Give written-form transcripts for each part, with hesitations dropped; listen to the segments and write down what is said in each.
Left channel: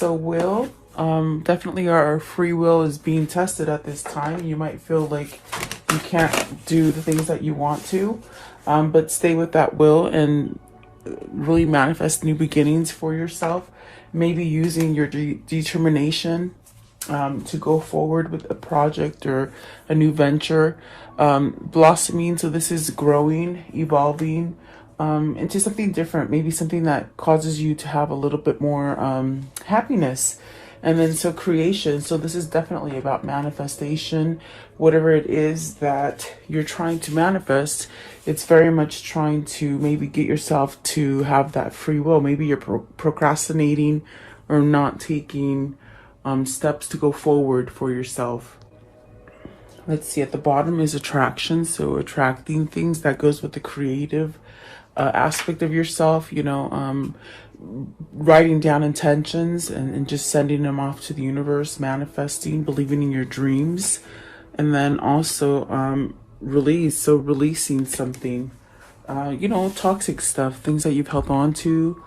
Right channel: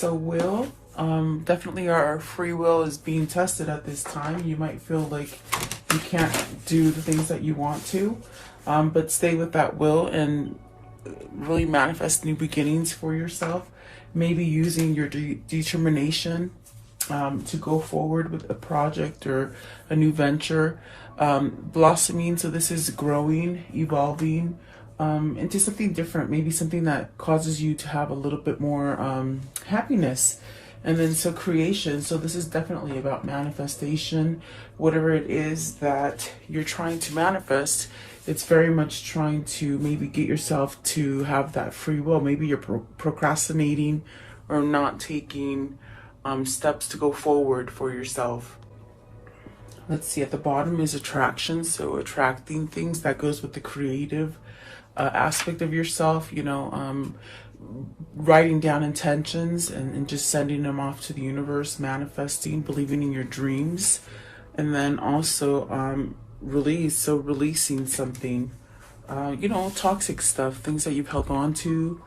So definitely our free will is being tested at this time. You might feel like you can't do the things that you want to, but stay with that will and really manifest new beginnings for yourself. Maybe using your determination to go forward with a project or a new venture, blossoming. So this is growing, evolving into something different, maybe something that causes you to have a little bit more happiness. And then so creation. So this is definitely about manifestation. Whatever it is that you're trying to manifest, it's very much trying to maybe get yourself to have that free will. Maybe you're procrastinating or not taking steps to go forward for yourself. Let's see, at the bottom is attraction. So attracting things, that goes with the creative aspect of yourself, writing down intentions and just sending them off to the universe, manifesting, believing in your dreams. And then also release, so releasing something, toxic stuff, things that you've held on to,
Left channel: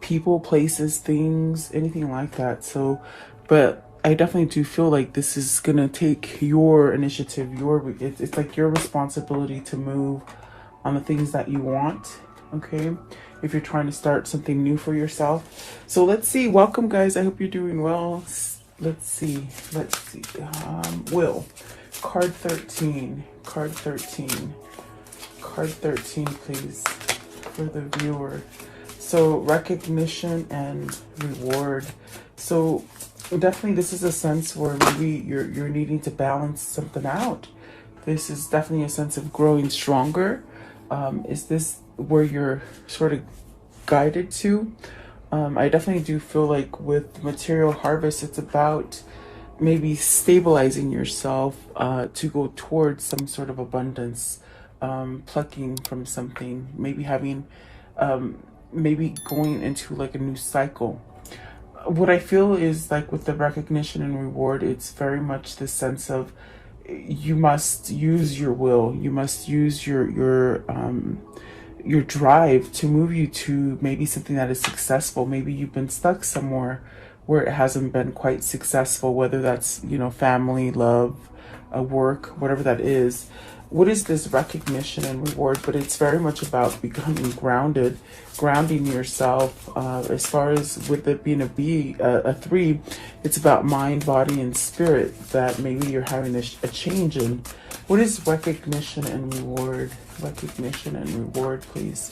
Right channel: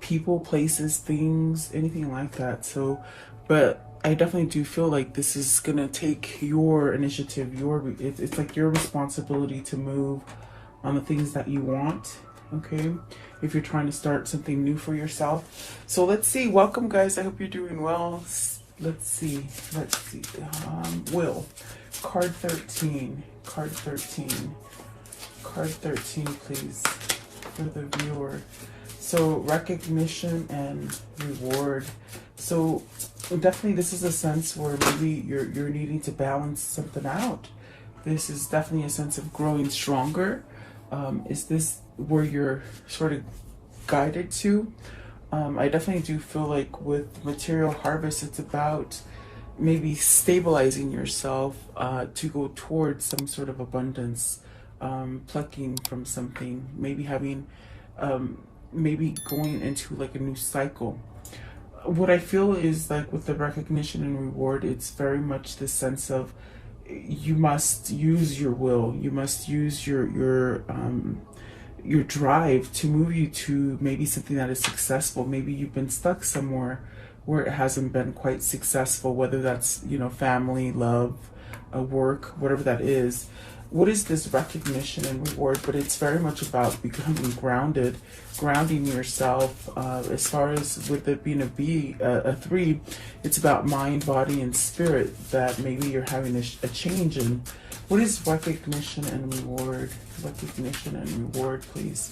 people, places, things, anything like that. So, but I definitely do feel like this is gonna take your initiative, it's like your responsibility to move on the things that you want, okay? If you're trying to start something new for yourself. So let's see, welcome guys, I hope you're doing well. Let's see, will, card 13, please, for the viewer. So recognition and reward. So definitely this is a sense where maybe you're needing to balance something out. This is definitely a sense of growing stronger. Is this where you're sort of guided to? I definitely do feel like with material harvest, it's about maybe stabilizing yourself to go towards some sort of abundance, plucking from something, maybe having, maybe going into like a new cycle. What I feel is like with the recognition and reward, it's very much the sense of you must use your will, you must use your drive to move you to maybe something that is successful. Maybe you've been stuck somewhere where it hasn't been quite successful, whether that's, family, love, work, whatever that is. What is this recognition and reward? But it's very much about becoming grounded, grounding yourself. As far as with it being a 3, it's about mind, body, and spirit, that maybe you're having a change in. What is recognition and reward? Recognition and reward, please.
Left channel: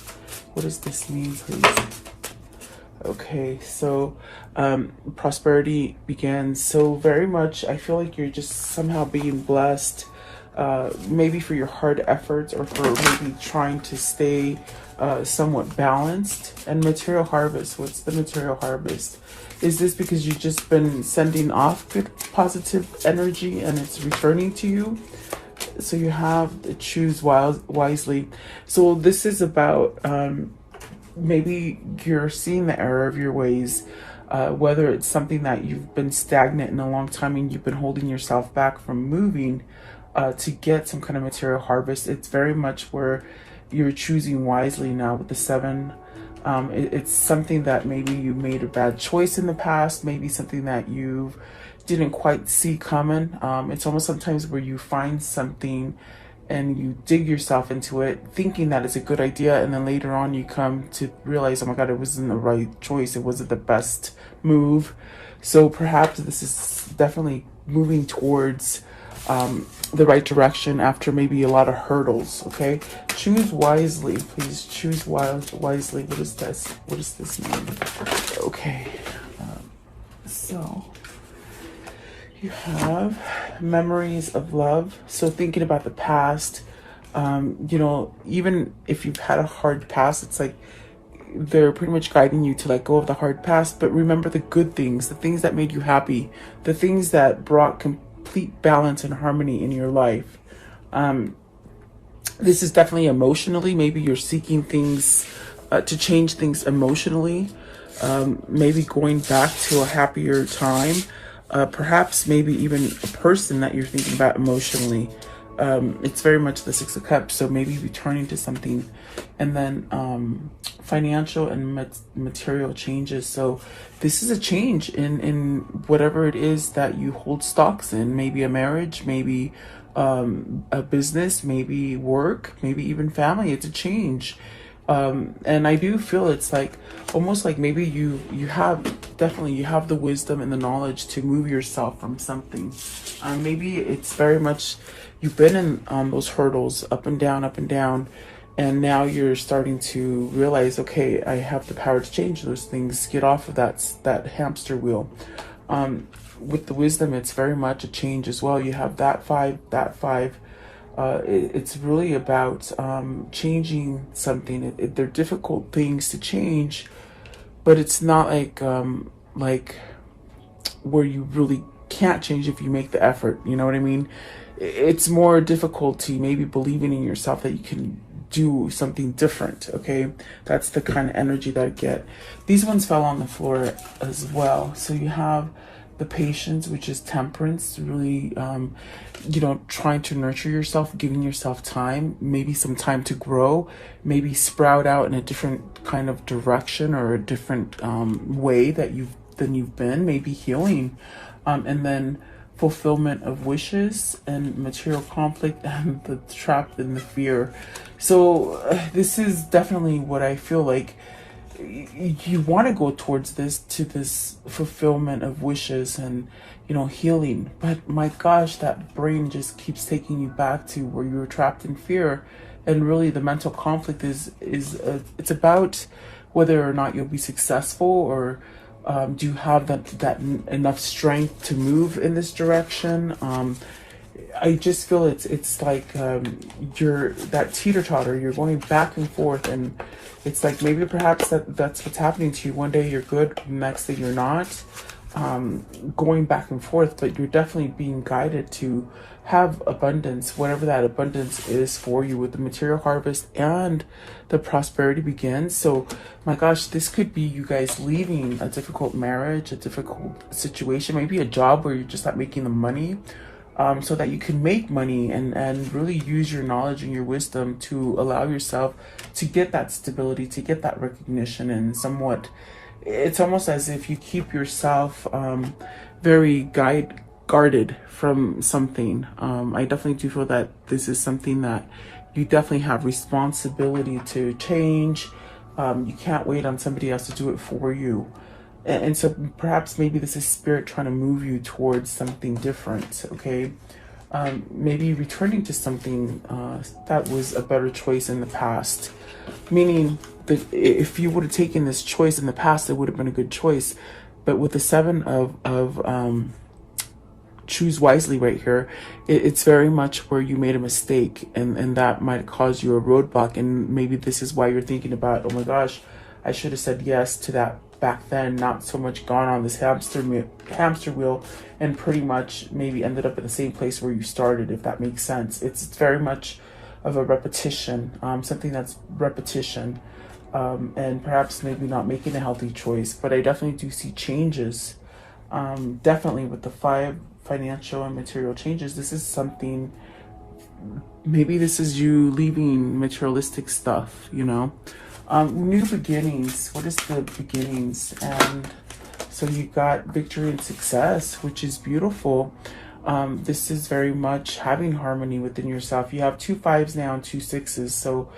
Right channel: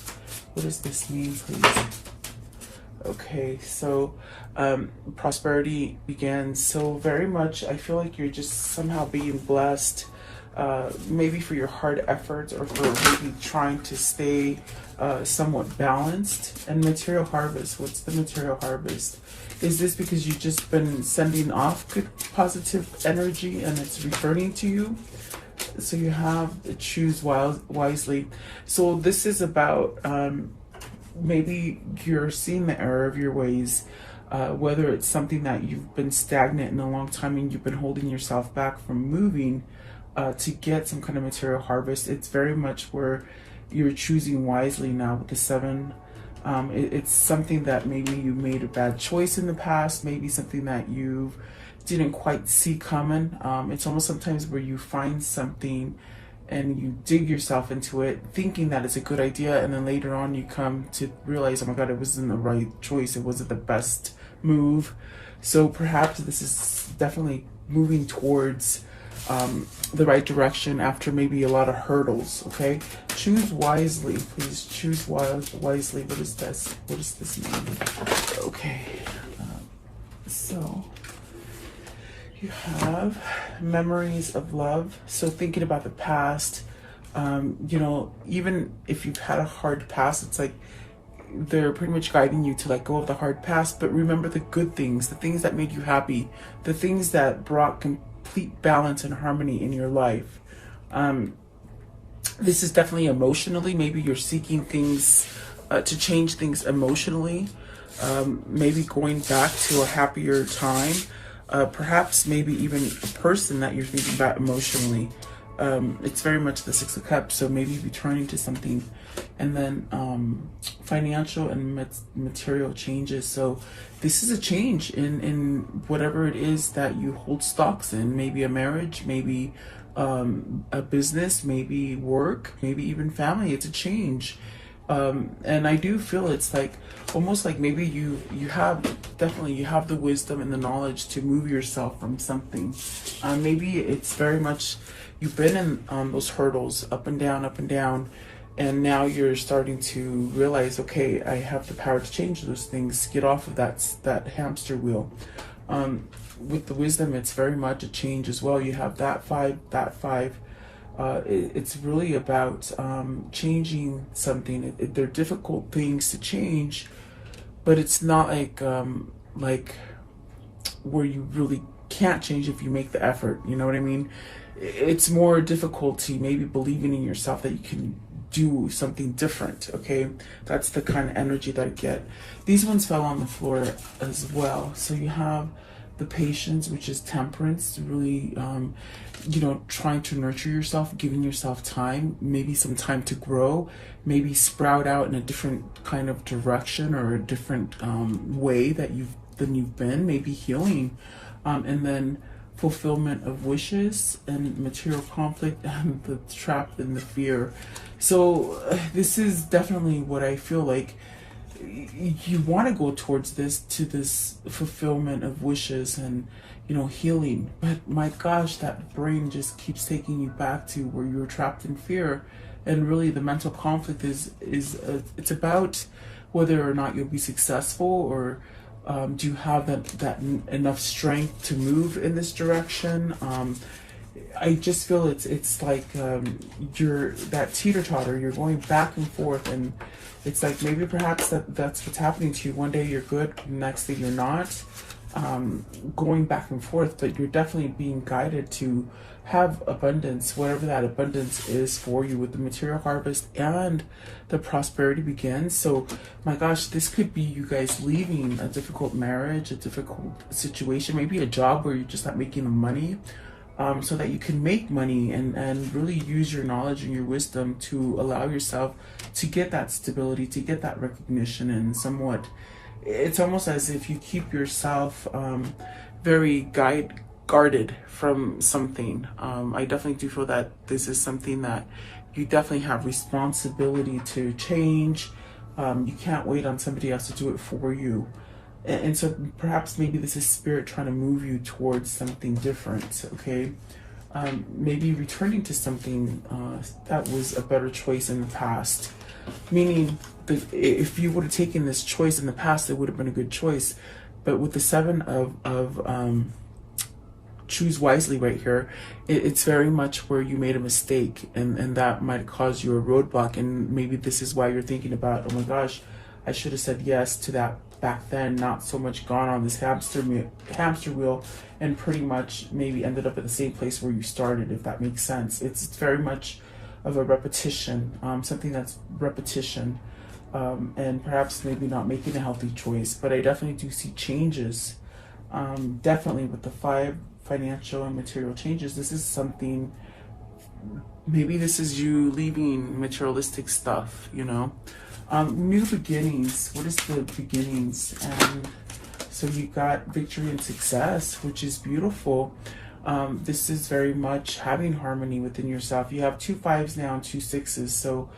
What does this mean, please? Okay, so prosperity begins. So very much, I feel like you're just somehow being blessed. Maybe for your hard efforts, or for maybe trying to stay somewhat balanced. And material harvest, what's the material harvest? Is this because you've just been sending off good positive energy and it's returning to you? So you have to choose wisely. So this is about maybe you're seeing the error of your ways, whether it's something that you've been stagnant in a long time and you've been holding yourself back from moving to get some kind of material harvest. It's very much where you're choosing wisely now with the 7. It's something that maybe you made a bad choice in the past, maybe something that you didn't quite see coming. It's almost sometimes where you find something and you dig yourself into it thinking that it's a good idea, and then later on you come to realize, oh my god, it wasn't the right choice, it wasn't the best move. So perhaps this is definitely moving towards the right direction after maybe a lot of hurdles. Okay, choose wisely, please. Choose wisely. What is this? What does this mean? Okay, so you have memories of love. So thinking about the past, even if you've had a hard past, it's like they're pretty much guiding you to let go of the hard past, but remember the good things, the things that made you happy, the things that brought complete balance and harmony in your life. This is definitely emotionally, maybe you're seeking things to change things emotionally, maybe going back to a happier time, perhaps maybe even a person that you're thinking about emotionally. it's very much the Six of Cups, so maybe returning to something. And then financial and material changes. So this is a change in whatever it is that you hold stocks in. Maybe a marriage, maybe a business, maybe work, maybe even family. It's a change. And I do feel it's like almost like maybe you have the wisdom and the knowledge to move yourself from something. Maybe it's very much you've been in those hurdles up and down, and now you're starting to realize, okay, I have the power to change those things, get off of that hamster wheel. With the wisdom, it's very much a change as well. You have that five. It's really about changing something. They're difficult things to change, but it's not like where you really can't change if you make the effort. You know what I mean? It's more difficulty, maybe believing in yourself that you can do something different. Okay, that's the kind of energy that I get. These ones fell on the floor as well. So you have the patience, which is temperance, really, trying to nurture yourself, giving yourself time, maybe some time to grow, maybe sprout out in a different kind of direction or a different way than you've been, maybe healing, and then fulfillment of wishes and material conflict and the trap and the fear. So this is definitely what I feel like. You want to go towards this fulfillment of wishes and healing, but my gosh, that brain just keeps taking you back to where you're trapped in fear. And really the mental conflict is it's about whether or not you'll be successful, or do you have that enough strength to move in this direction. I just feel it's like you're that teeter-totter, you're going back and forth, and it's like maybe perhaps that's what's happening to you. One day you're good, next day you're not, going back and forth, but you're definitely being guided to have abundance, whatever that abundance is for you, with the material harvest and the prosperity begins. So my gosh, this could be you guys leaving a difficult marriage, a difficult situation, maybe a job where you're just not making the money, so that you can make money and really use your knowledge and your wisdom to allow yourself to get that stability, to get that recognition. And somewhat, it's almost as if you keep yourself very guarded from something. I definitely do feel that this is something that you definitely have responsibility to change. You can't wait on somebody else to do it for you. And so perhaps maybe this is spirit trying to move you towards something different, okay? Maybe returning to something that was a better choice in the past. Meaning that if you would have taken this choice in the past, it would have been a good choice. But with the seven of choose wisely right here, it's very much where you made a mistake, and that might cause you a roadblock. And maybe this is why you're thinking about, oh my gosh, I should have said yes to that back then, not so much gone on this hamster wheel and pretty much maybe ended up at the same place where you started, if that makes sense. It's very much of a repetition, something that's repetition, and perhaps maybe not making a healthy choice. But I definitely do see changes, definitely with the 5 financial and material changes. This is something, maybe this is you leaving materialistic stuff, new beginnings. What is the beginnings? And so you got victory and success, which is beautiful. This is very much having harmony within yourself. You have 2 5s now and 2 6s, so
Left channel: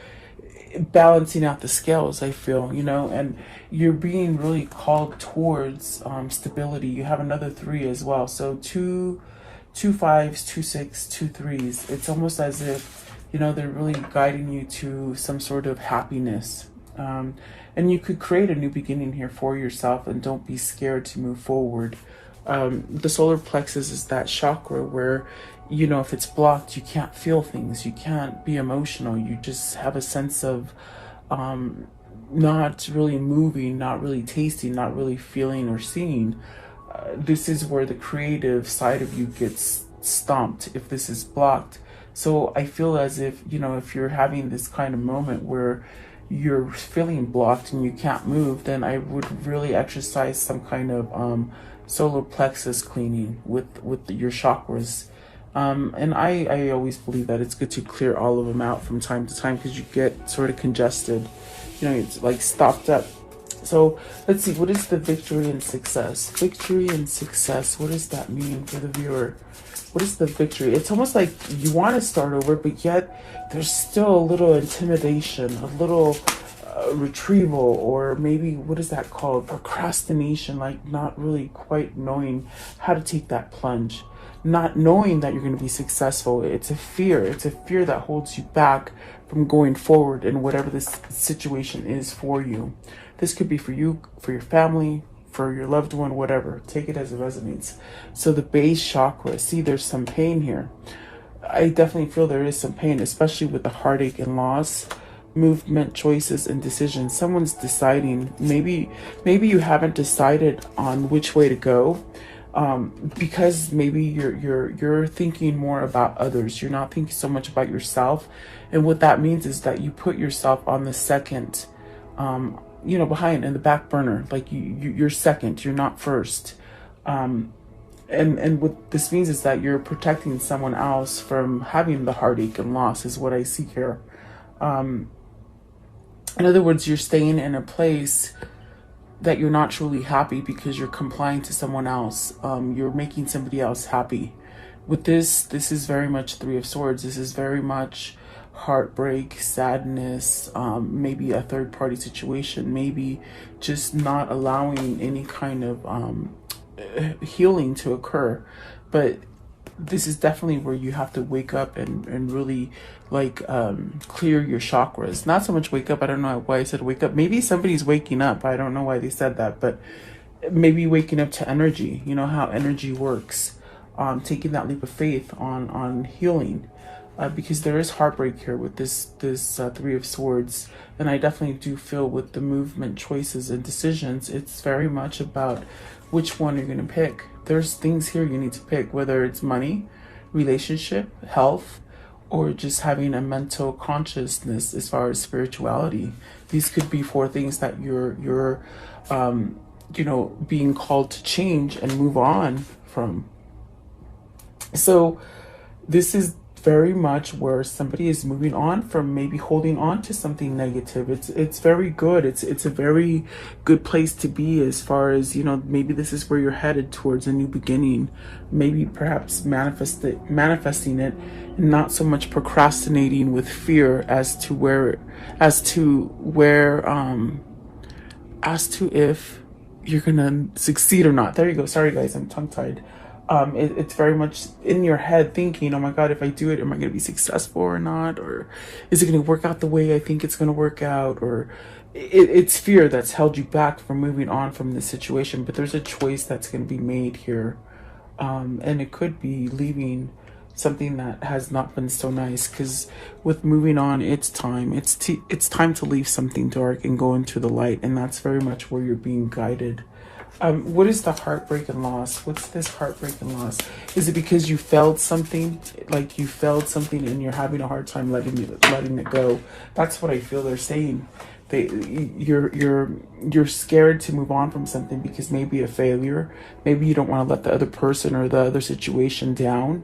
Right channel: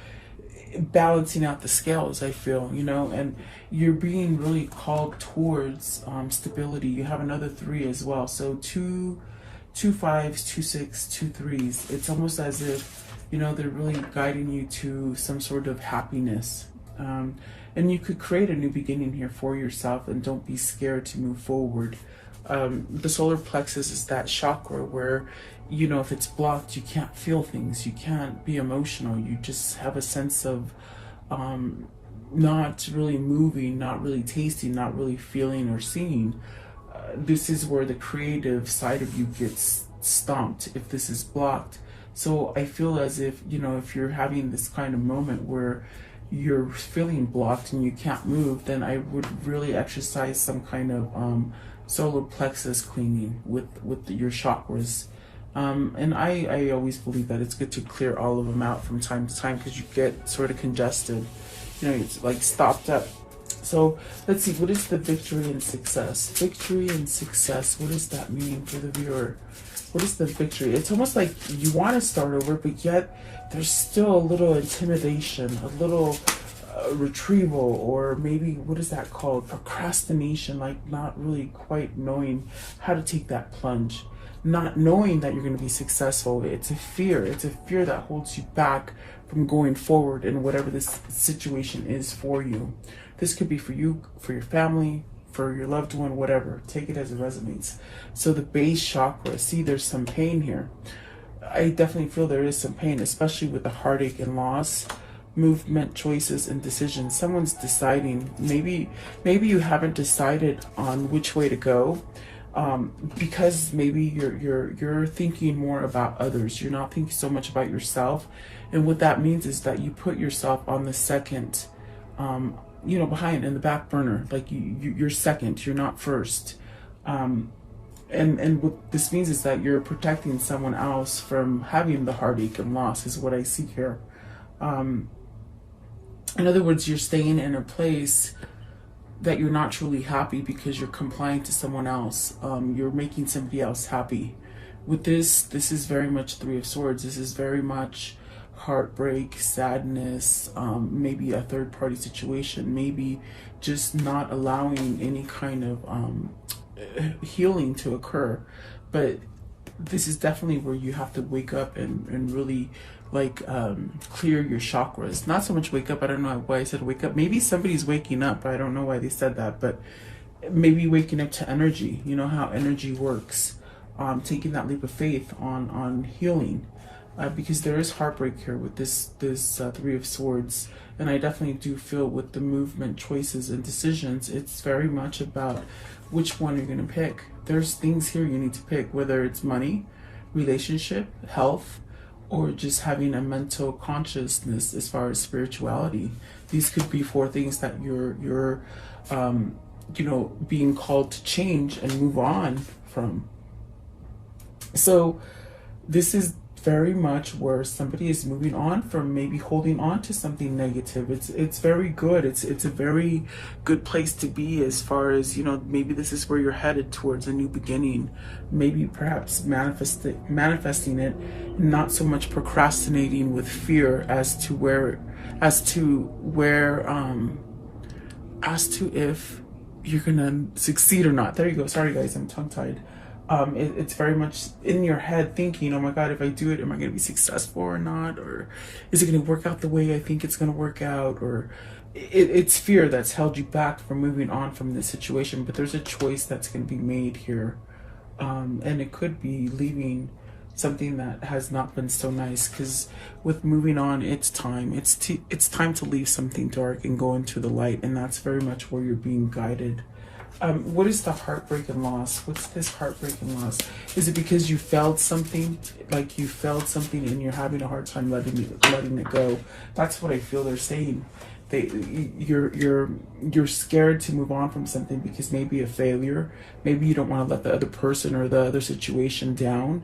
balancing out the scales, I feel, and you're being really called towards stability. You have another 3 as well, so 2 5s, 2 6, 2 3s. It's almost as if they're really guiding you to some sort of happiness. And you could create a new beginning here for yourself, and don't be scared to move forward. The solar plexus is that chakra where, if it's blocked, you can't feel things, you can't be emotional, you just have a sense of not really moving, not really tasting, not really feeling or seeing. This is where the creative side of you gets stomped if this is blocked. So I feel as if, if you're having this kind of moment where you're feeling blocked and you can't move, then I would really exercise some kind of solar plexus cleaning with your chakras, And I always believe that it's good to clear all of them out from time to time because you get sort of congested, you know, it's like stopped up. So let's see, what is the victory and success? Victory and success, what does that mean for the viewer? What is the victory? It's almost like you want to start over, but yet there's still a little intimidation, a little retrieval, or maybe what is that called? Procrastination, like not really quite knowing how to take that plunge, not knowing that you're going to be successful. It's a fear. It's a fear that holds you back from going forward in whatever this situation is for you. This could be for you, for your family, for your loved one, whatever. Take it as it resonates. So the base chakra, see, there's some pain here. I definitely feel there is some pain, especially with the heartache and loss, movement, choices, and decisions. Someone's deciding. Maybe you haven't decided on which way to go, because maybe you're thinking more about others. You're not thinking so much about yourself, and what that means is that you put yourself on the second, behind, in the back burner. Like you're second. You're not first. And what this means is that you're protecting someone else from having the heartache and loss, is what I see here. In other words, you're staying in a place that you're not truly happy because you're complying to someone else. You're making somebody else happy. With this is very much Three of Swords. This is very much heartbreak, sadness, maybe a third party situation, maybe just not allowing any kind of healing to occur. But this is definitely where you have to wake up and really clear your chakras. Not so much wake up, I don't know why I said wake up. Maybe somebody's waking up, I don't know why they said that, but maybe waking up to energy. You know how energy works. Taking that leap of faith on healing, because there is heartbreak here with this Three of Swords. And I definitely do feel with the movement, choices, and decisions, it's very much about which one you're going to pick. There's things here you need to pick, whether it's money, relationship, health, or just having a mental consciousness as far as spirituality. These could be 4 things that you're being called to change and move on from. So this is very much where somebody is moving on from maybe holding on to something negative. It's very good. It's a very good place to be, as far as, maybe this is where you're headed towards a new beginning. Maybe perhaps manifesting it, not so much procrastinating with fear as to if you're gonna succeed or not. There you go. Sorry guys, I'm tongue-tied. It's very much in your head thinking, oh my God, if I do it, am I going to be successful or not? Or is it going to work out the way I think it's going to work out? Or it's fear that's held you back from moving on from the situation. But there's a choice that's going to be made here. And it could be leaving something that has not been so nice, because with moving on, it's time. It's time to leave something dark and go into the light. And that's very much where you're being guided. What is the heartbreak and loss? What's this heartbreak and loss? Is it because you failed something? Like you failed something and you're having a hard time letting it go? That's what I feel they're saying. You're scared to move on from something because maybe a failure. Maybe you don't want to let the other person or the other situation down.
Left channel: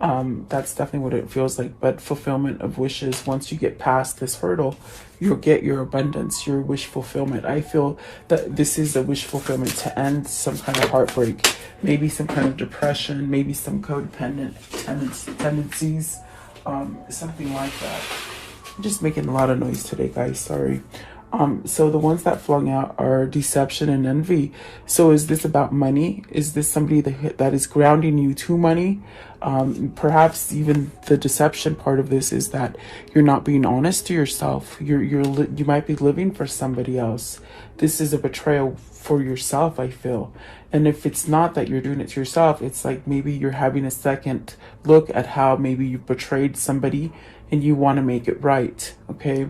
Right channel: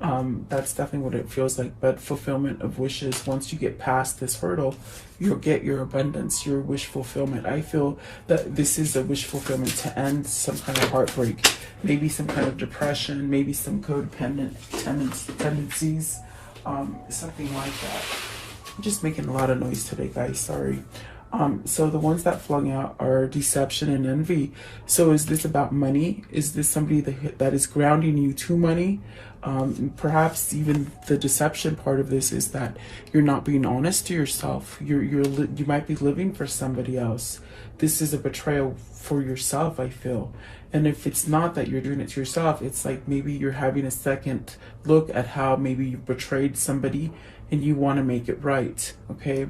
That's definitely what it feels like. But fulfillment of wishes, once you get past this hurdle, you'll get your abundance, your wish fulfillment. I feel that this is a wish fulfillment to end some kind of heartbreak, maybe some kind of depression, maybe some codependent tendencies, something like that. I'm just making a lot of noise today, guys, sorry. So the ones that flung out are deception and envy. So is this about money? Is this somebody that is grounding you to money? Perhaps even the deception part of this is that you're not being honest to yourself. You might be living for somebody else. This is a betrayal for yourself, I feel. And if it's not that you're doing it to yourself, it's like maybe you're having a second look at how maybe you betrayed somebody and you want to make it right, okay?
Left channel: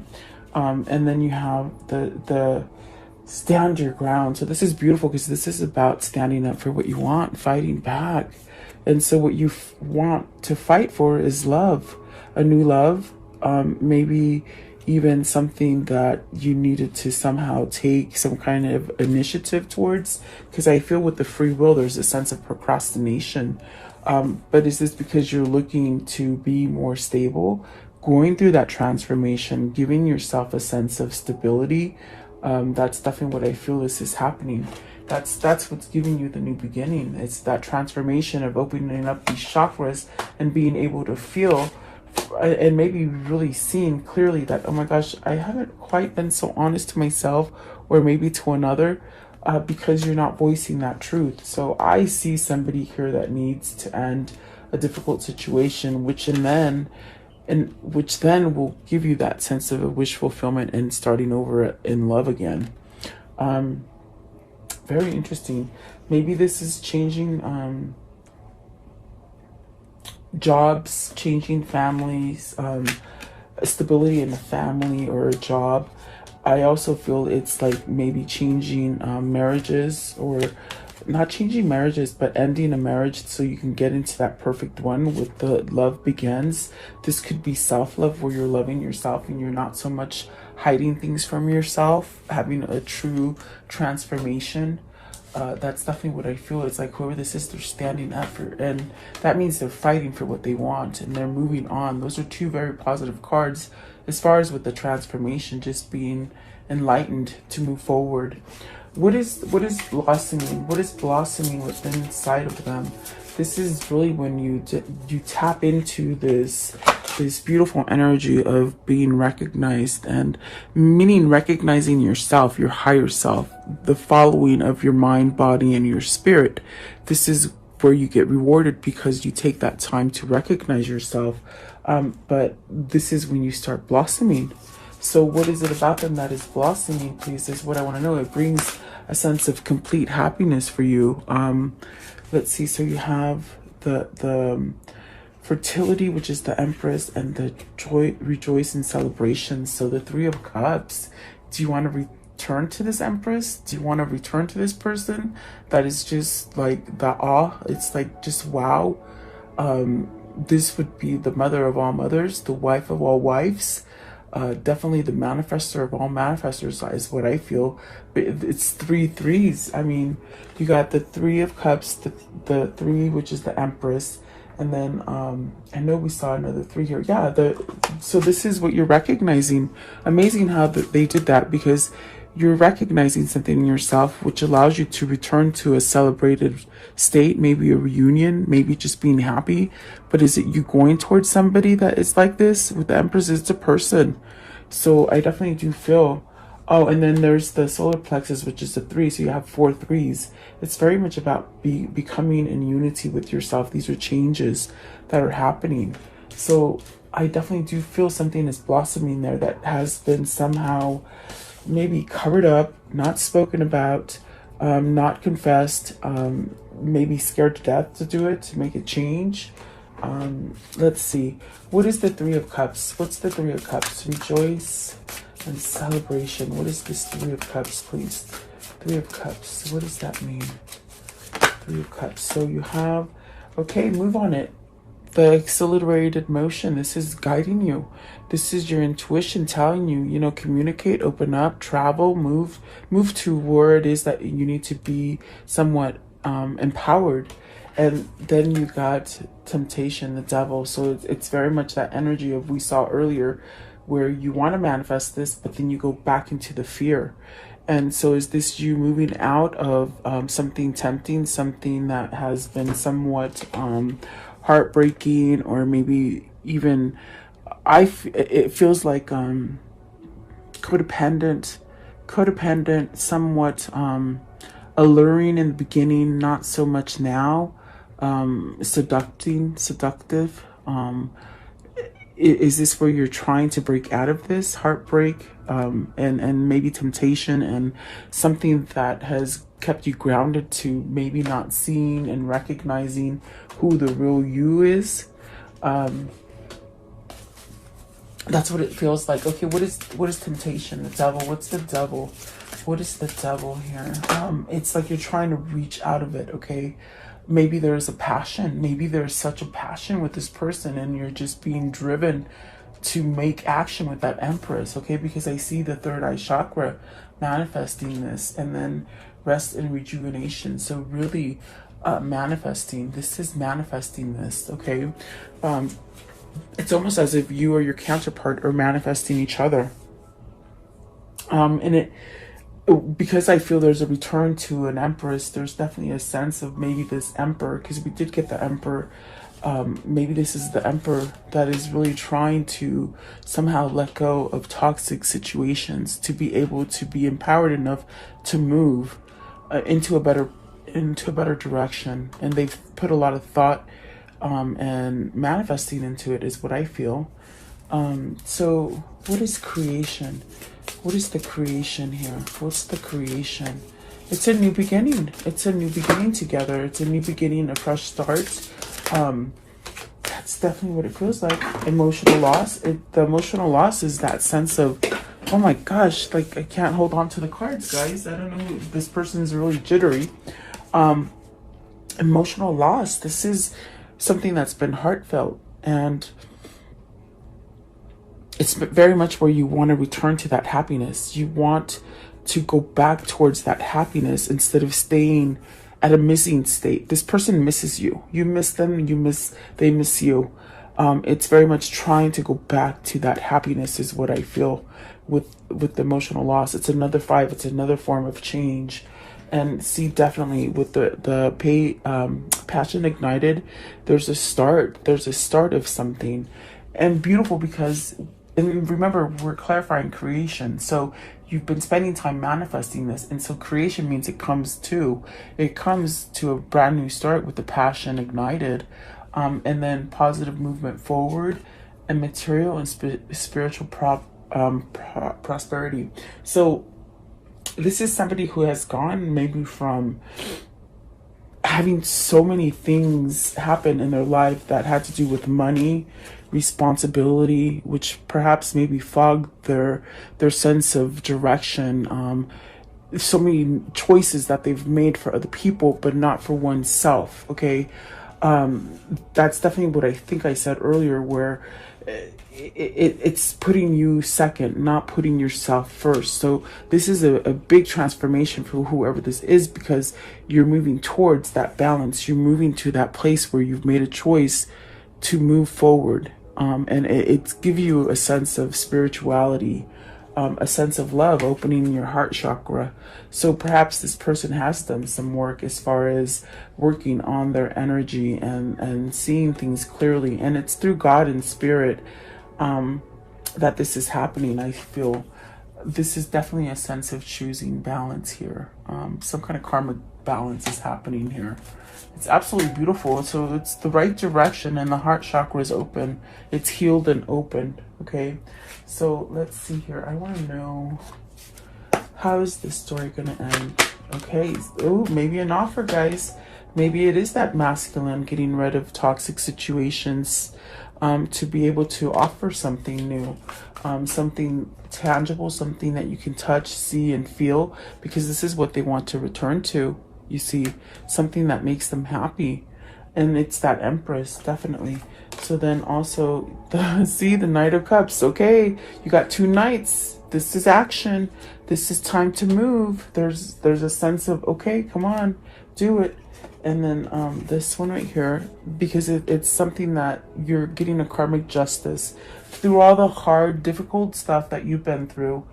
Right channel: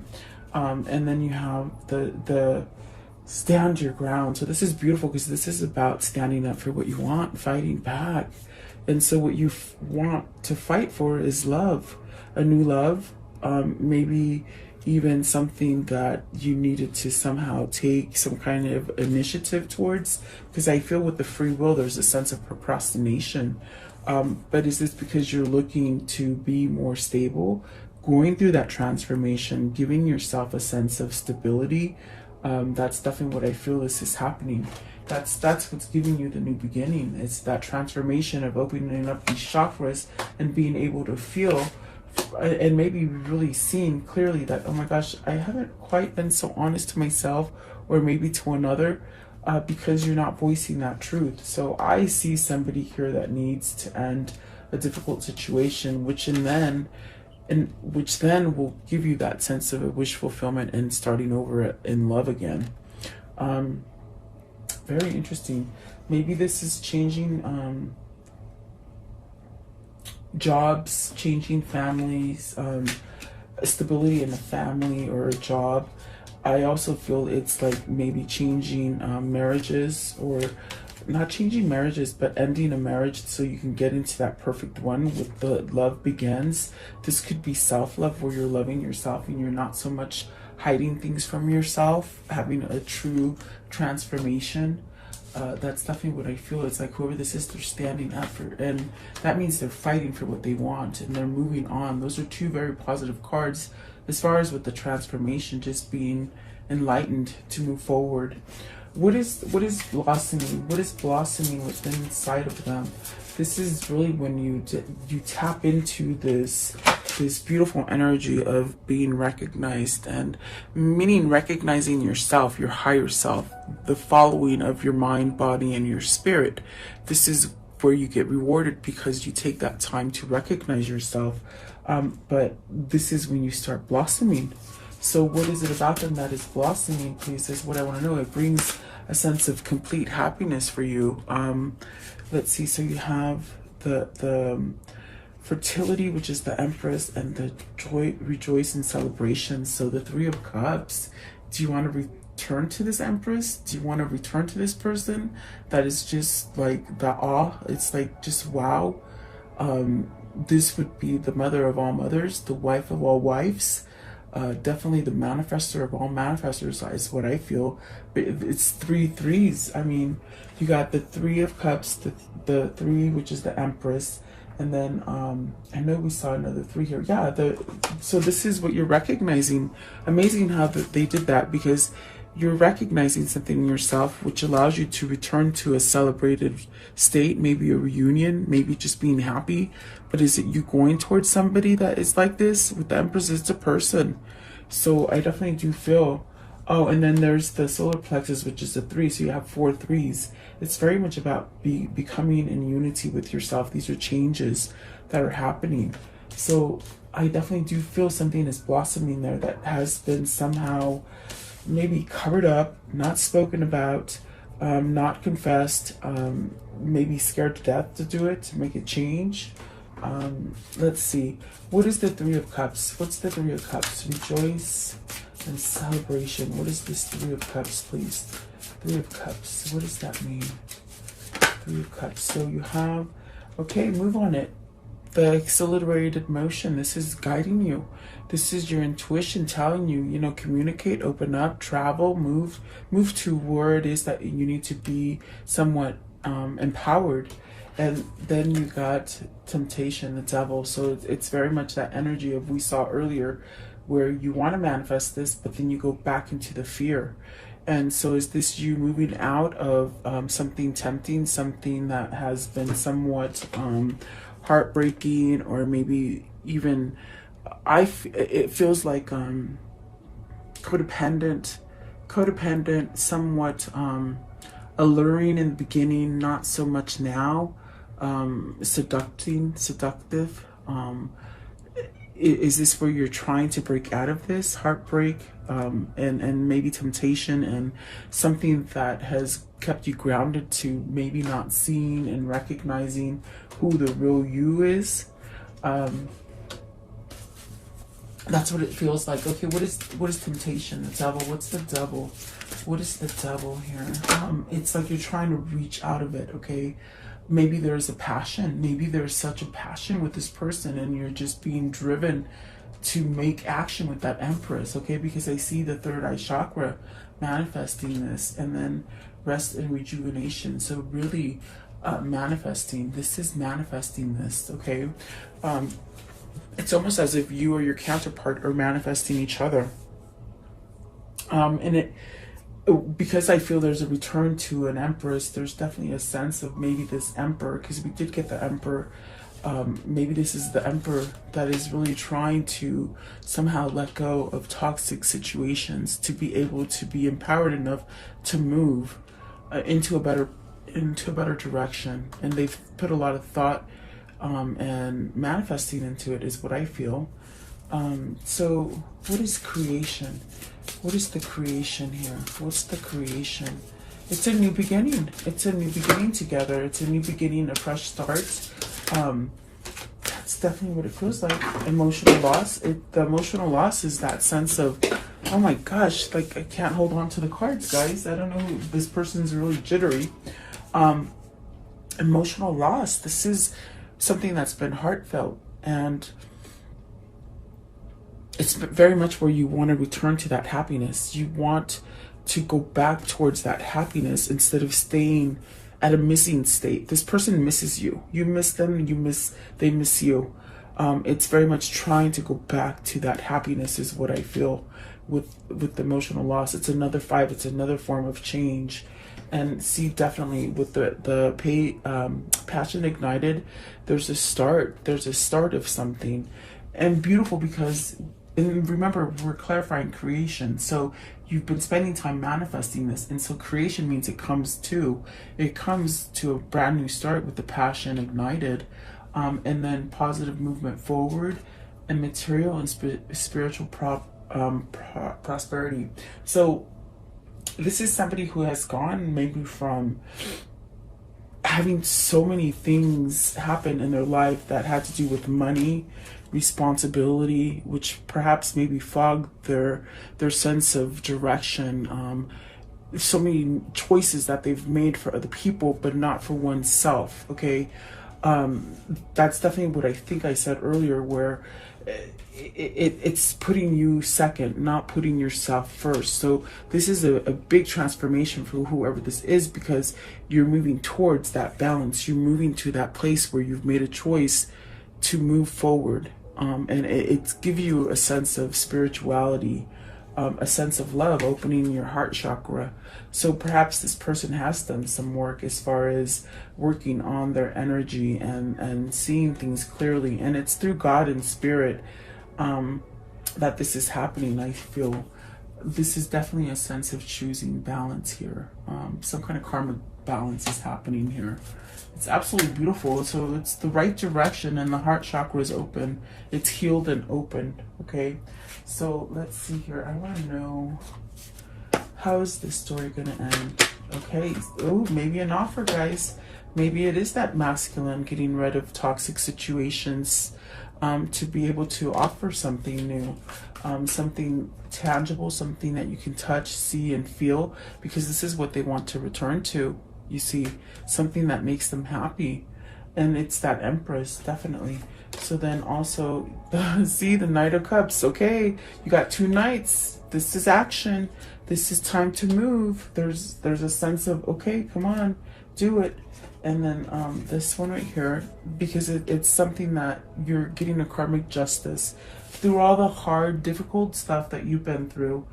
And then you have the stand your ground. So this is beautiful because this is about standing up for what you want, fighting back. And so what you want to fight for is love, a new love, maybe even something that you needed to somehow take some kind of initiative towards. Because I feel with the free will, there's a sense of procrastination. But is this because you're looking to be more stable, going through that transformation, giving yourself a sense of stability? That's definitely what I feel is happening. That's what's giving you the new beginning. It's that transformation of opening up these chakras and being able to feel and maybe really seeing clearly that, oh my gosh, I haven't quite been so honest to myself or maybe to another, because you're not voicing that truth. So I see somebody here that needs to end a difficult situation, which then will give you that sense of a wish fulfillment and starting over in love again. Very interesting. Maybe this is changing jobs, changing families, stability in a family or a job. I also feel it's like maybe changing marriages, or not changing marriages, but ending a marriage so you can get into that perfect one with the love begins. This could be self-love, where you're loving yourself and you're not so much hiding things from yourself, having a true transformation. That's definitely what I feel. It's like whoever this is, they're standing up for, and that means they're fighting for what they want and they're moving on. Those are two very positive cards as far as with the transformation, just being enlightened to move forward. What is blossoming? What is blossoming within inside of them? This is really when you tap into this beautiful energy of being recognized, and meaning recognizing yourself, your higher self, the following of your mind, body, and your spirit. This is where you get rewarded because you take that time to recognize yourself. But this is when you start blossoming. So what is it about them that is blossoming, please? This is what I want to know. It brings a sense of complete happiness for you. Let's see. So you have the fertility, which is the Empress, and the joy, rejoice, and celebration. So the Three of Cups. Do you want to return to this Empress? Do you want to return to this person that is just like the awe? It's like just wow. This would be the mother of all mothers, the wife of all wives. Definitely the manifestor of all manifestors is what I feel. It's 3 threes. I mean, you got the Three of Cups, the 3, which is the Empress, and then I know we saw another 3 here. Yeah, so this is what you're recognizing. Amazing how they did that, because you're recognizing something in yourself which allows you to return to a celebrated state, maybe a reunion, maybe just being happy. But is it you going towards somebody that is like this? With the Empress, it's a person. So I definitely do feel. Oh, and then there's the solar plexus, which is a 3. So you have 4 threes. It's very much about becoming in unity with yourself. These are changes that are happening. So I definitely do feel something is blossoming there that has been somehow maybe covered up, not spoken about, not confessed, maybe scared to death to do it, to make it change. Let's see. What is the Three of Cups? What's the Three of Cups? Rejoice and celebration. What is this Three of Cups, please? Three of Cups. What does that mean? Three of Cups. So you have, okay, move on it. The accelerated motion. This is guiding you. This is your intuition telling you, you know, communicate, open up, travel, move to where it is that you need to be somewhat empowered. And then you got temptation, the devil. So it's very much that energy of we saw earlier, where you want to manifest this, but then you go back into the fear. And so is this you moving out of something tempting, something that has been somewhat heartbreaking, or maybe even it feels like codependent, somewhat alluring in the beginning, not so much now. Seductive. Is this where you're trying to break out of this heartbreak, and maybe temptation, and something that has kept you grounded to maybe not seeing and recognizing who the real you is? That's what it feels like. Okay, what is temptation? The devil. What's the devil? What is the devil here? It's like you're trying to reach out of it, okay? Maybe there's a passion. Maybe there's such a passion with this person, and you're just being driven to make action with that Empress, okay? Because I see the third eye chakra manifesting this, and then rest and rejuvenation. So really, manifesting. This is manifesting this, okay? It's almost as if you or your counterpart are manifesting each other. And because I feel there's a return to an empress, there's definitely a sense of maybe this emperor, because we did get the emperor. Maybe this is the emperor that is really trying to somehow let go of toxic situations to be able to be empowered enough to move into a better direction. And they've put a lot of thought and manifesting into it, is what I feel. So what is creation? What is the creation here? What's the creation? It's a new beginning. It's a new beginning together. It's a new beginning, a fresh start. That's definitely what it feels like. Emotional loss. The emotional loss is that sense of, oh my gosh, like I can't hold on to the cards, guys. I don't know. This person is really jittery. Emotional loss. This is something that's been heartfelt, and it's very much where you want to return to that happiness. You want to go back towards that happiness instead of staying at a missing state. This person misses you. You miss them, they miss you. It's very much trying to go back to that happiness is what I feel with the emotional loss. It's another 5, it's another form of change. And see, definitely with the passion ignited, there's a start of something. And beautiful, because, and remember, we're clarifying creation. So you've been spending time manifesting this. And so creation means it comes to a brand new start with the passion ignited. And then positive movement forward, and material and spiritual prosperity. So this is somebody who has gone maybe from having so many things happen in their life that had to do with money, responsibility, which perhaps maybe fogged their sense of direction. So many choices that they've made for other people, but not for oneself. Okay, that's definitely what I think I said earlier, where it's putting you second, not putting yourself first. So this is a big transformation for whoever this is, because you're moving towards that balance. You're moving to that place where you've made a choice to move forward. And it's give you a sense of spirituality, a sense of love, opening your heart chakra. So perhaps this person has done some work as far as working on their energy and seeing things clearly. And it's through God and spirit that this is happening. I feel this is definitely a sense of choosing balance here. Some kind of karmic balance is happening here. It's absolutely beautiful. So it's the right direction, and the heart chakra is open. It's healed and open. Okay, so let's see here. I want to know, how is this story going to end? Okay, oh, maybe an offer, guys. Maybe it is that masculine getting rid of toxic situations to be able to offer something new, something tangible, something that you can touch, see, and feel, because this is what they want to return to. You see, something that makes them happy. And it's that Empress, definitely. So then also, see, the Knight of Cups. Okay, you got 2 knights. This is action. This is time to move. There's a sense of, okay, come on, do it. And then this one right here, because it's something that you're getting a karmic justice through all the hard, difficult stuff that you've been through.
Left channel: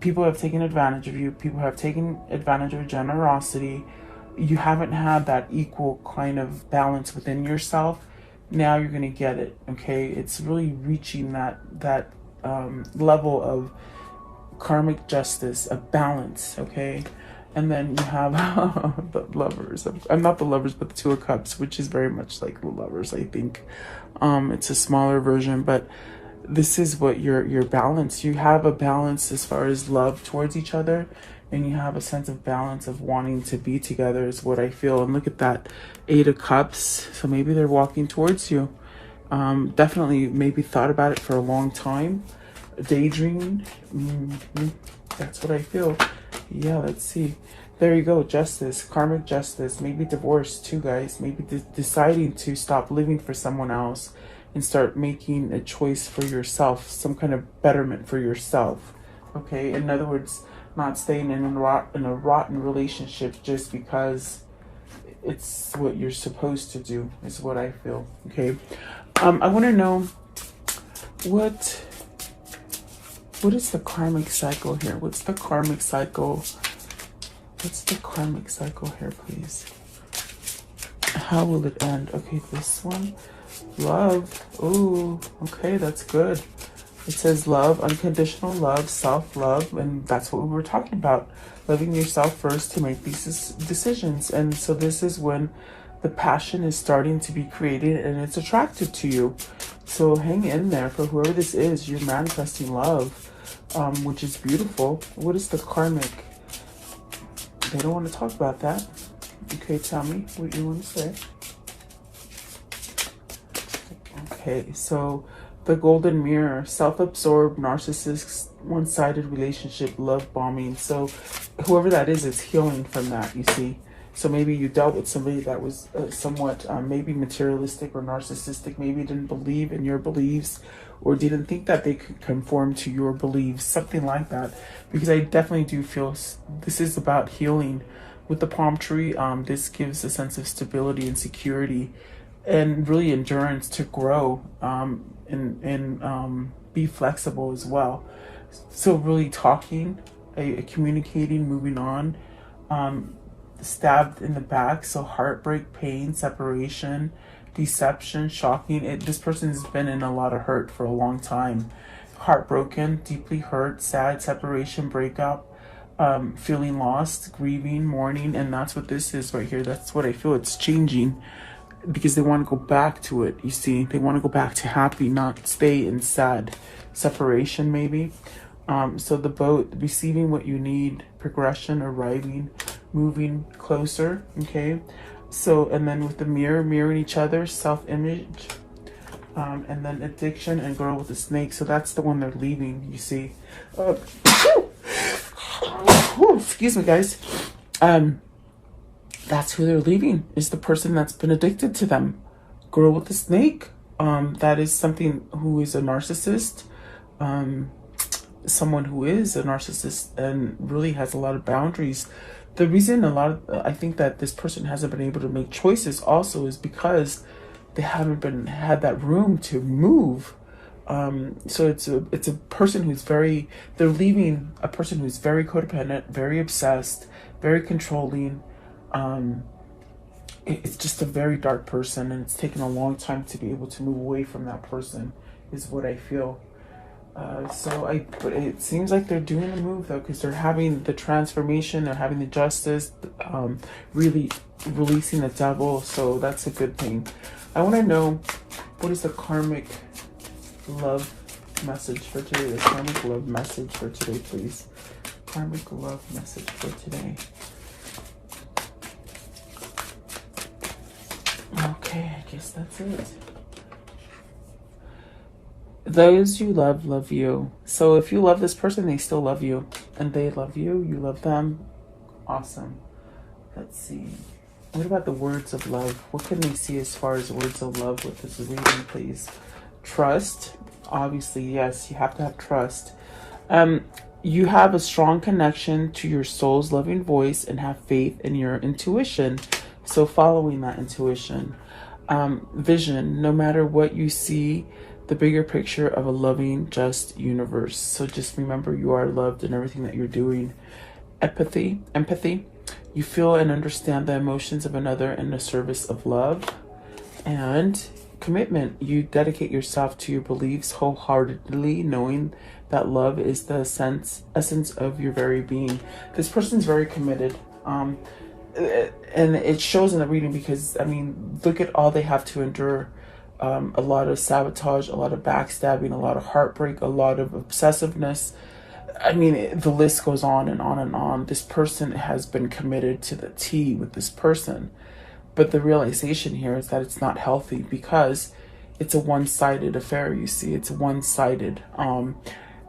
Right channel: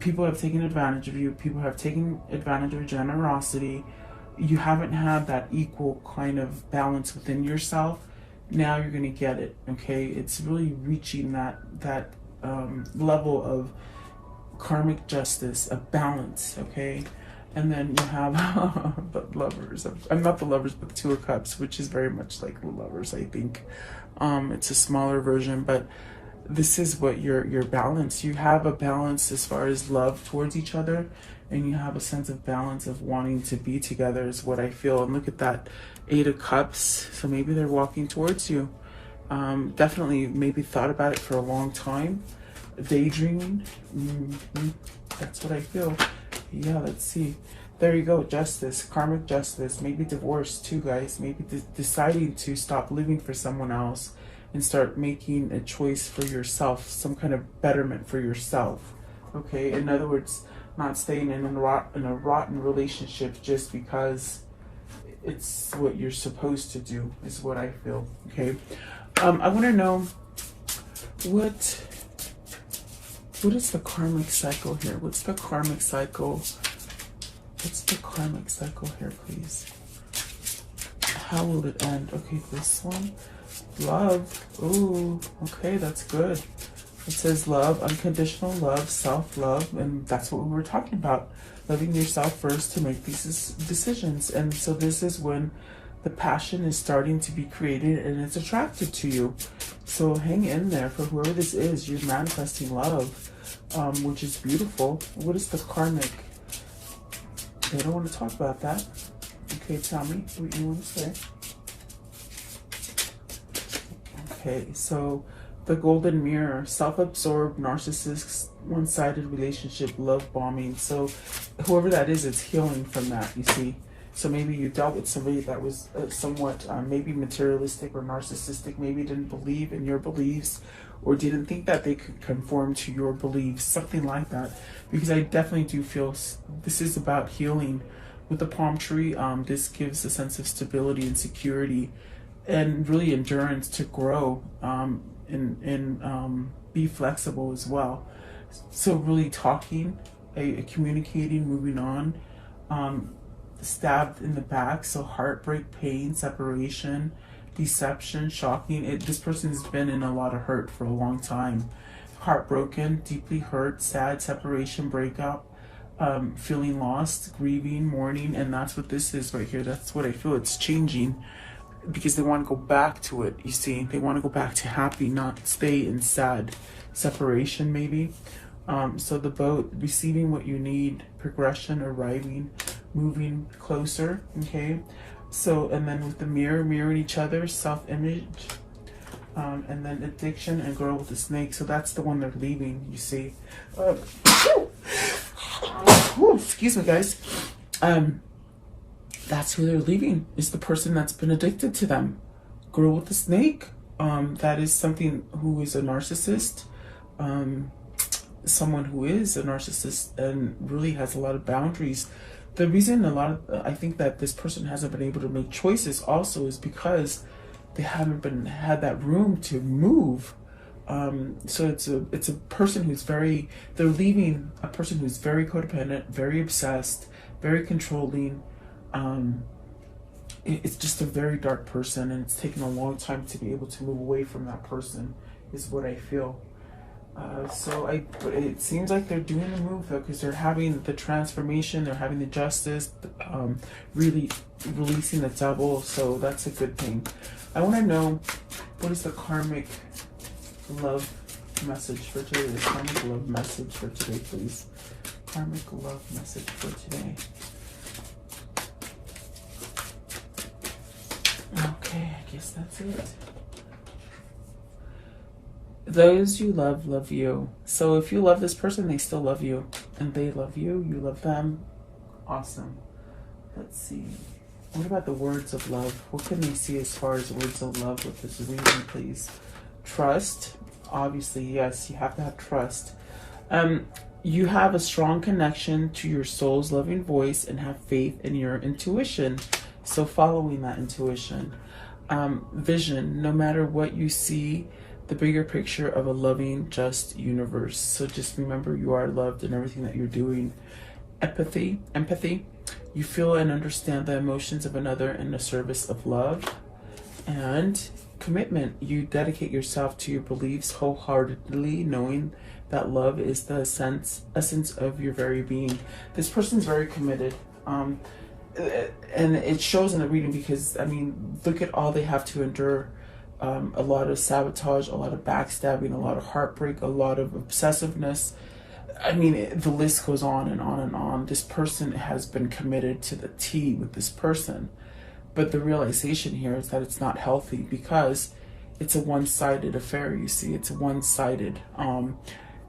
People have taken advantage of you. People have taken advantage of generosity. You haven't had that equal kind of balance within yourself. Now you're going to get it. Okay, it's really reaching that level of karmic justice, a balance. Okay. And then you have the Lovers. I'm not the Lovers, but the 2 of Cups, which is very much like the Lovers, I think. It's a smaller version, but this is what your balance. You have a balance as far as love towards each other, and you have a sense of balance of wanting to be together is what I feel. And look at that 8 of Cups. So maybe they're walking towards you. Definitely maybe thought about it for a long time. Daydreaming. That's what I feel. Yeah, let's see. There you go. Justice, karmic justice, maybe divorce too, guys. Maybe deciding to stop living for someone else and start making a choice for yourself, some kind of betterment for yourself. Okay, in other words, not staying in a rotten relationship just because it's what you're supposed to do, is what I feel. Okay. I want to know what is the karmic cycle here? What's the karmic cycle? What's the karmic cycle here, please? How will it end? Okay, this one. Love. Oh, okay, that's good. It says love, unconditional love, self-love, and that's what we were talking about. Loving yourself first to make these decisions. And so this is when the passion is starting to be created and it's attractive to you. So hang in there for whoever this is. You're manifesting love, which is beautiful. What is the karmic? They don't want to talk about that. Okay, tell me what you want to say. Okay, so the golden mirror, self-absorbed, narcissist, one-sided relationship, love bombing. So whoever that is healing from that, you see. So maybe you dealt with somebody that was somewhat maybe materialistic or narcissistic, maybe didn't believe in your beliefs or didn't think that they could conform to your beliefs, something like that. Because I definitely do feel this is about healing. With the palm tree, this gives a sense of stability and security and really endurance to grow and be flexible as well. So really talking, communicating, moving on, stabbed in the back, so heartbreak, pain, separation, deception, shocking. This person's been in a lot of hurt for a long time. Heartbroken, deeply hurt, sad, separation, breakup, feeling lost, grieving, mourning, and that's what this is right here. That's what I feel. It's changing because they want to go back to it, you see. They want to go back to happy, not stay in sad. Separation, maybe. So the boat, receiving what you need, progression, arriving, moving closer, okay? So, and then with the mirror, mirroring each other, self-image, and then addiction and girl with the snake. So that's the one they're leaving, you see. Excuse me, guys. That's who they're leaving, is the person that's been addicted to them. Girl with the snake, that is something who is a narcissist, someone who is a narcissist and really has a lot of boundaries. The reason I think that this person hasn't been able to make choices also is because they haven't had that room to move. So it's a person who's they're leaving a person who's very codependent, very obsessed, very controlling. It's just a very dark person, and it's taken a long time to be able to move away from that person, is what I feel. It seems like they're doing the move though, because they're having the transformation, they're having the justice, really releasing the devil. So that's a good thing. I want to know, what is the karmic love message for today? The karmic love message for today, please. Karmic love message for today. Okay, I guess that's it. Those you love you. So if you love this person, they still love you. And they love you, you love them. Awesome. Let's see. What about the words of love? What can they see as far as words of love with this reading, please? Trust. Obviously, yes, you have to have trust. You have a strong connection to your soul's loving voice and have faith in your intuition. So following that intuition. Vision. No matter what you see, the bigger picture of a loving, just universe. So just remember, you are loved in everything that you're doing. Empathy. You feel and understand the emotions of another in the service of love. And commitment. You dedicate yourself to your beliefs wholeheartedly, knowing that love is the essence of your very being. This person's very committed. And it shows in the reading because, I mean, look at all they have to endure. A lot of sabotage, a lot of backstabbing, a lot of heartbreak, a lot of obsessiveness. I mean, the list goes on and on and on. This person has been committed to the T with this person. But the realization here is that it's not healthy because it's a one-sided affair, you see. It's one-sided.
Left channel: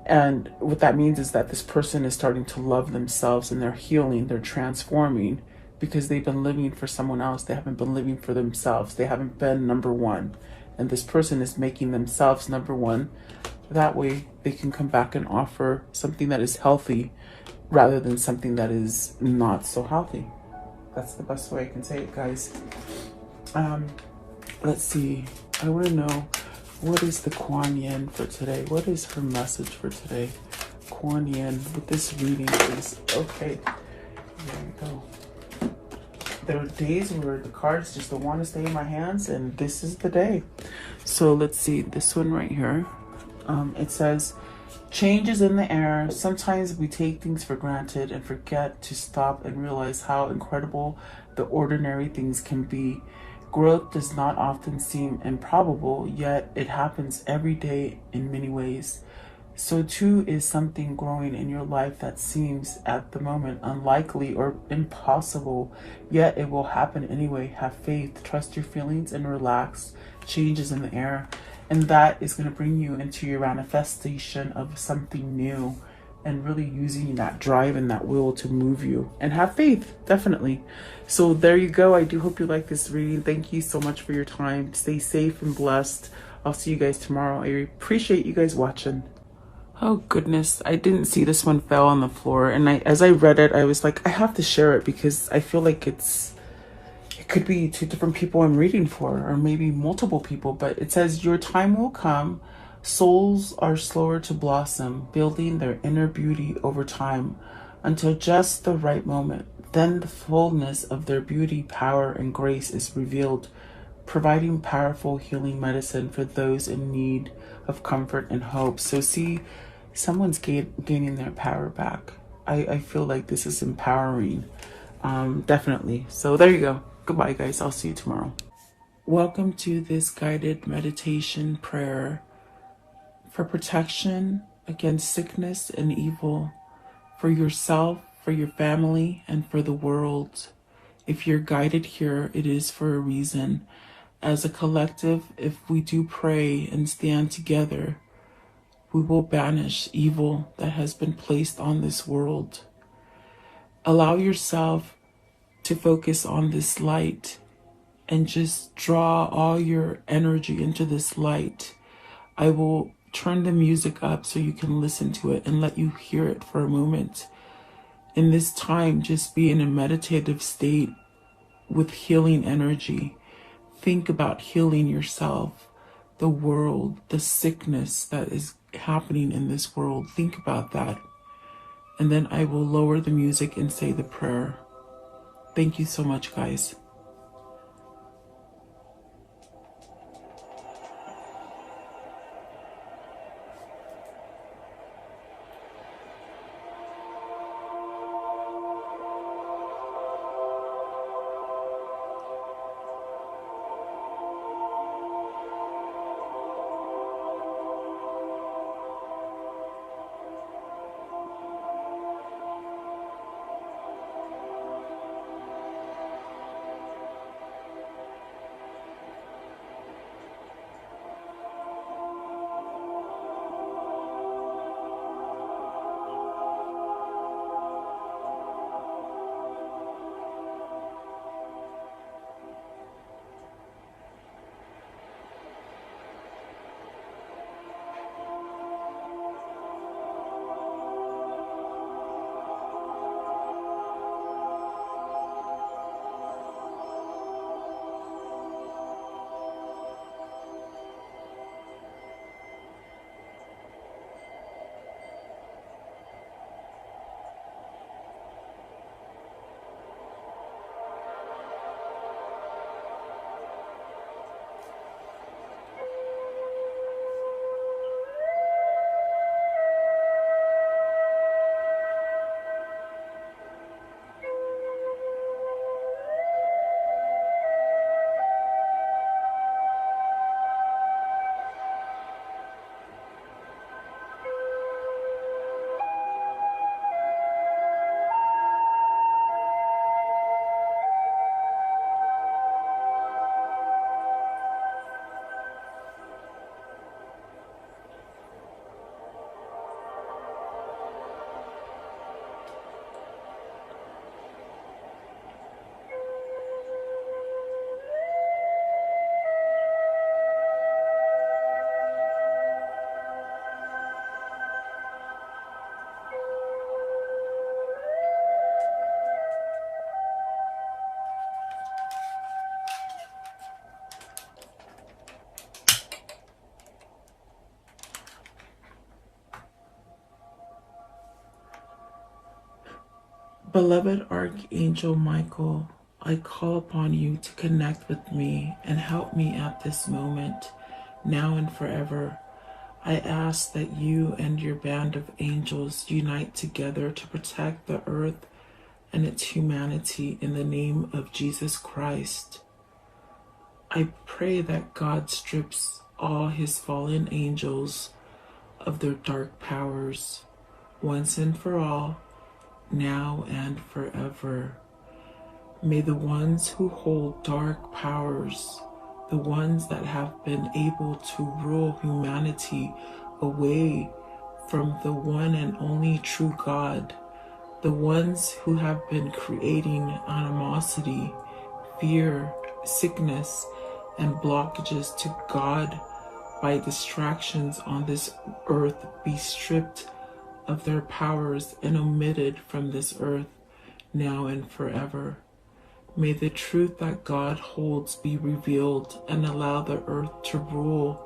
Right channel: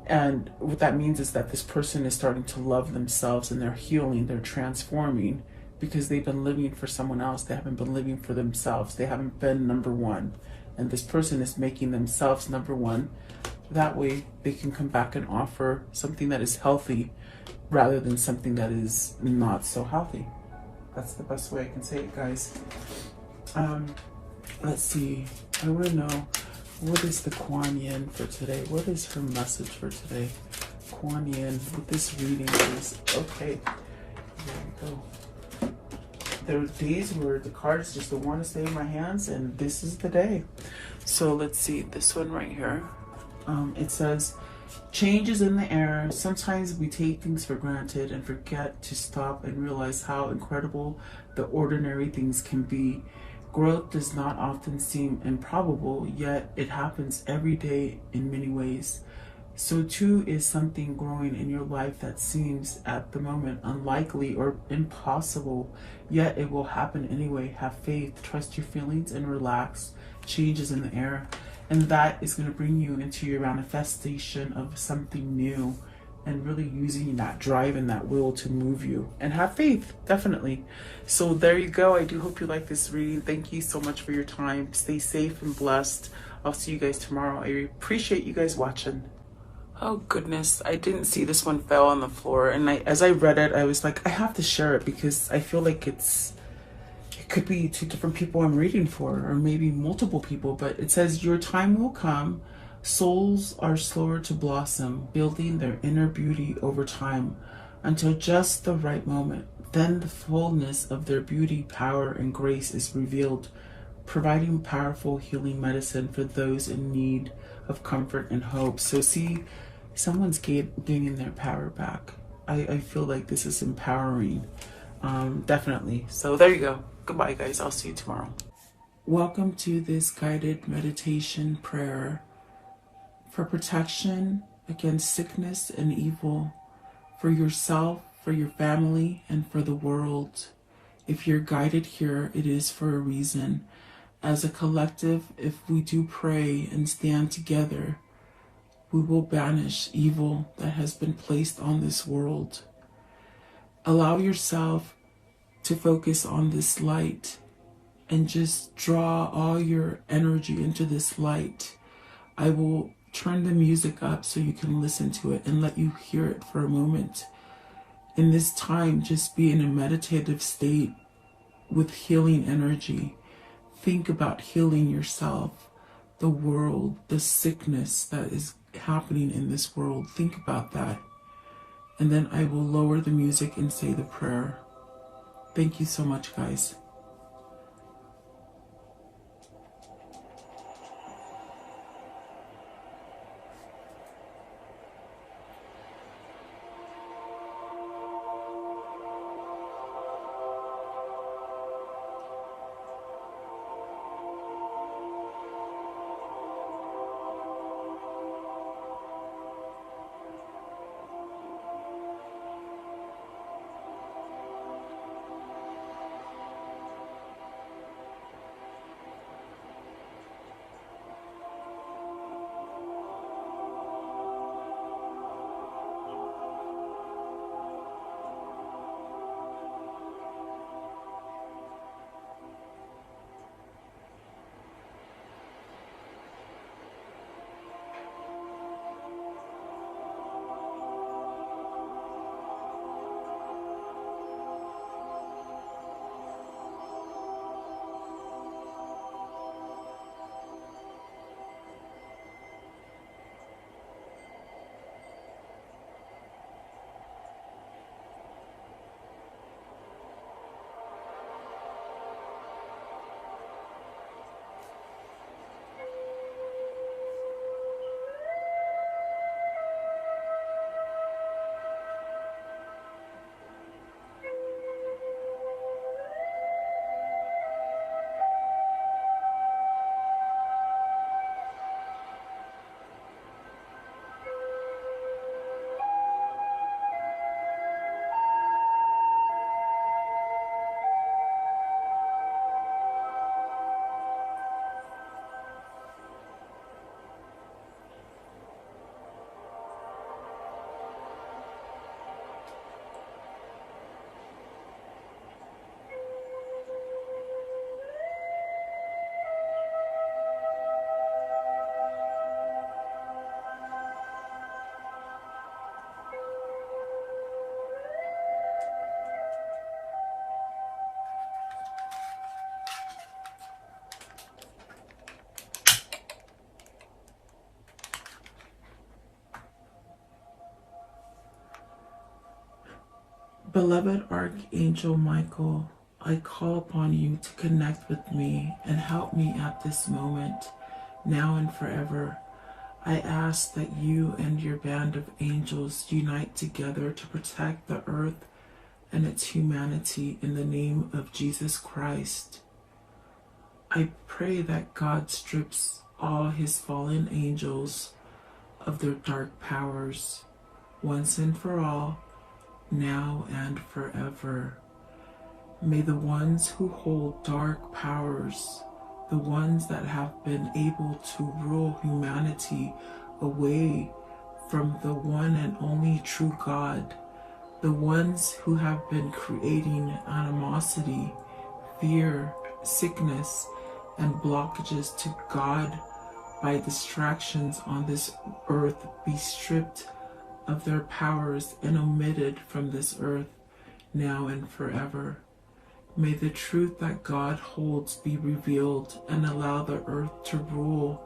And what that means is that this person is starting to love themselves and they're healing, they're transforming because they've been living for someone else. They haven't been living for themselves. They haven't been number one. And this person is making themselves number one. That way they can come back and offer something that is healthy rather than something that is not so healthy. That's the best way I can say it, guys. Let's see. I want to know, what is the Kuan Yin for today? What is her message for today? Kuan Yin with this reading, please. Okay. Here we go. There are days where the cards just don't want to stay in my hands, and this is the day. So let's see. This one right here. It says, change is in the air. Sometimes we take things for granted and forget to stop and realize how incredible the ordinary things can be. Growth does not often seem improbable, yet it happens every day in many ways. So too is something growing in your life that seems at the moment unlikely or impossible, yet it will happen anyway. Have faith, trust your feelings, and relax. Change is in the air. And that is going to bring you into your manifestation of something new, and really using that drive and that will to move you. And have faith, definitely. So there you go. I do hope you like this reading. Thank you so much for your time. Stay safe and blessed. I'll see you guys tomorrow. I appreciate you guys watching. Oh goodness, I didn't see this one fell on the floor. And as I read it, I was like, I have to share it because I feel like it could be 2 different people I'm reading for, or maybe multiple people. But it says, your time will come. Souls are slower to blossom, building their inner beauty over time until just the right moment. Then the fullness of their beauty, power, and grace is revealed, providing powerful healing medicine for those in need of comfort and hope. So see, someone's gaining their power back. I feel like this is empowering, definitely. So there you go. Goodbye, guys. I'll see you tomorrow. Welcome to this guided meditation prayer for protection against sickness and evil, for yourself, for your family, and for the world. If you're guided here, it is for a reason. As a collective, if we do pray and stand together, we will banish evil that has been placed on this world. Allow yourself to focus on this light and just draw all your energy into this light. I will turn the music up so you can listen to it and let you hear it for a moment. In this time, just be in a meditative state with healing energy. Think about healing yourself, the world, the sickness that is happening in this world. Think about that. And then I will lower the music and say the prayer. Thank you so much, guys. Beloved Archangel Michael, I call upon you to connect with me and help me at this moment, now and forever. I ask that you and your band of angels unite together to protect the earth and its humanity in the name of Jesus Christ. I pray that God strips all his fallen angels of their dark powers once and for all, now and forever. May the ones who hold dark powers, the ones that have been able to rule humanity away from the one and only true God, the ones who have been creating animosity, fear, sickness, and blockages to God by distractions on this earth be stripped of their powers and omitted from this earth now and forever. May the truth that God holds be revealed and allow the earth to rule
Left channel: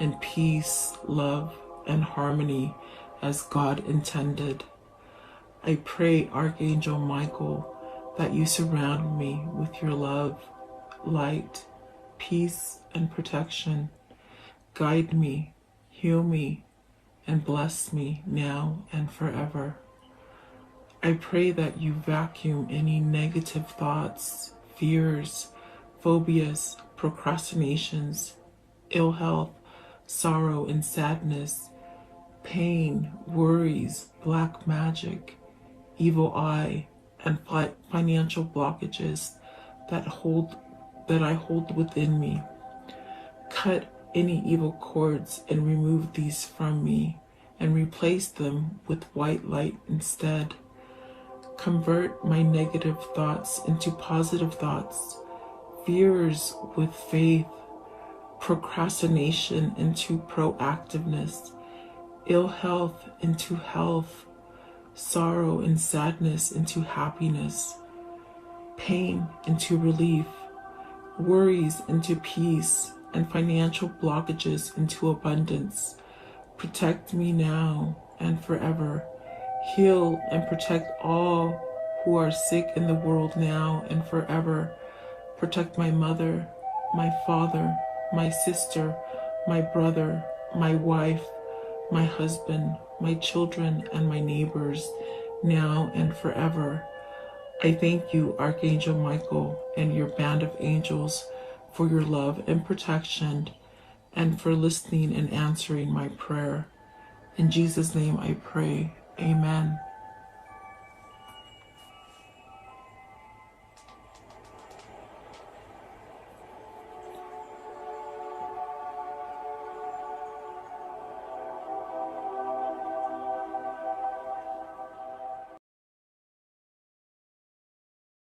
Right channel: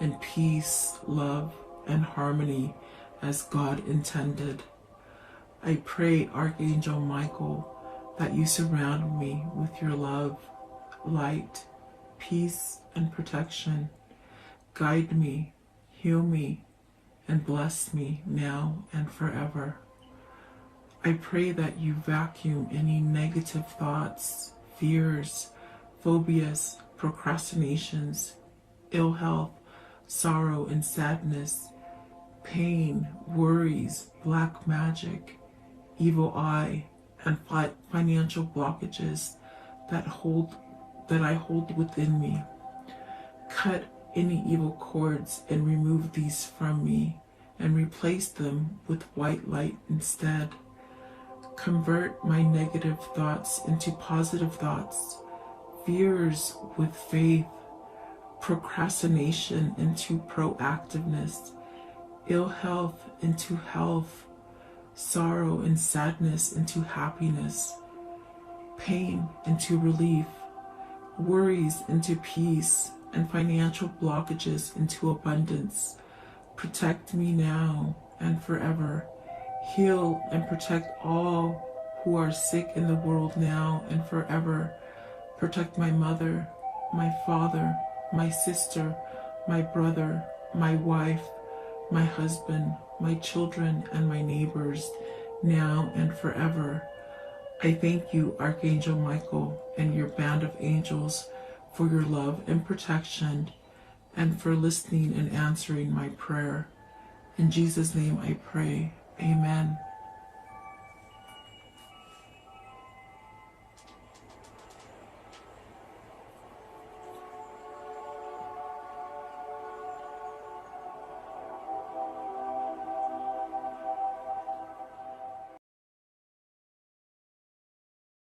in peace, love, and harmony as God intended. I pray, Archangel Michael, that you surround me with your love, light, peace, and protection. Guide me, heal me, and bless me now and forever. I pray that you vacuum any negative thoughts, fears, phobias, procrastinations, ill health, sorrow and sadness, pain, worries, black magic, evil eye, and financial blockages that I hold within me. Cut any evil cords and remove these from me and replace them with white light instead. Convert my negative thoughts into positive thoughts, fears with faith, procrastination into proactiveness, ill health into health, sorrow and sadness into happiness, pain into relief, worries into peace, and financial blockages into abundance. Protect me now and forever. Heal and protect all who are sick in the world now and forever. Protect my mother, my father, my sister, my brother, my wife, my husband, my children, and my neighbors now and forever. I thank you, Archangel Michael, and your band of angels for your love and protection and for listening and answering my prayer. In Jesus' name I pray. Amen.